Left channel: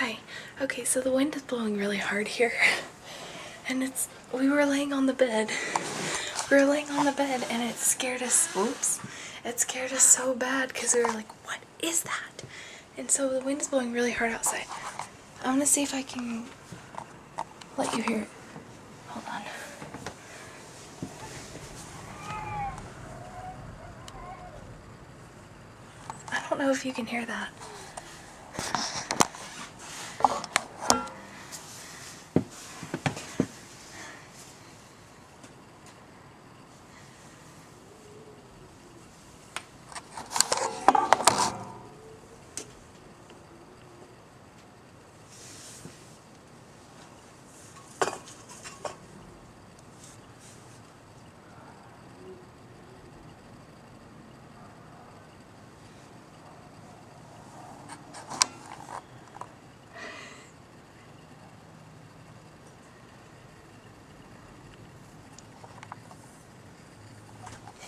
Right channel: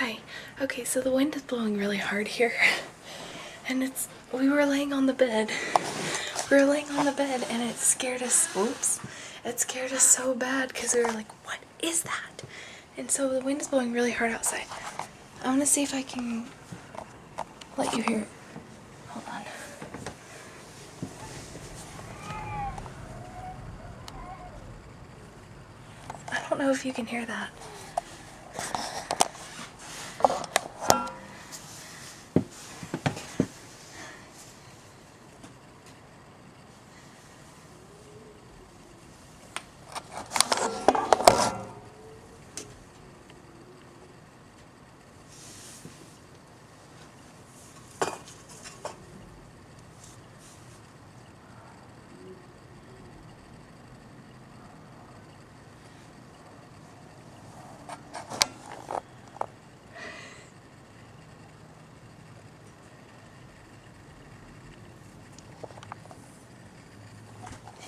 Hi. Okay, so the wind is blowing really hard here. And we were laying on the bed. And it scared us. Oops. It scared us so bad because we were like, what is that? And so the wind is blowing really hard outside. I'm gonna see if I can let you hear it. Hold on. I don't know if you can hear that.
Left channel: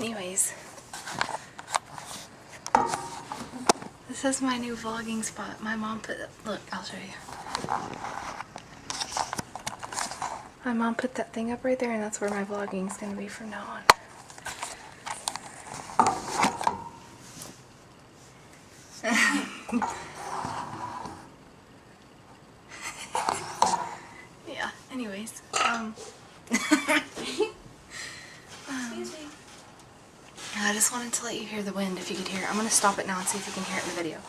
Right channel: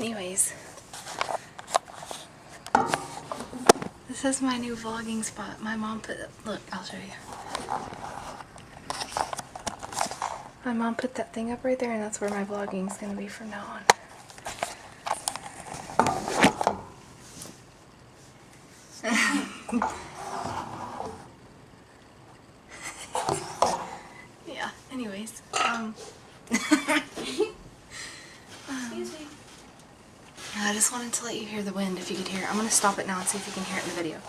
Anyways, this is my new vlogging spot. My mom put, look, I'll show you. My mom put that thing up right there, and that's where my vlogging is going to be from now on. Yeah, anyways, excuse me. I just wanted to let you hear the wind if you could hear it. I'm going to stop it now and see if you can hear it in the video.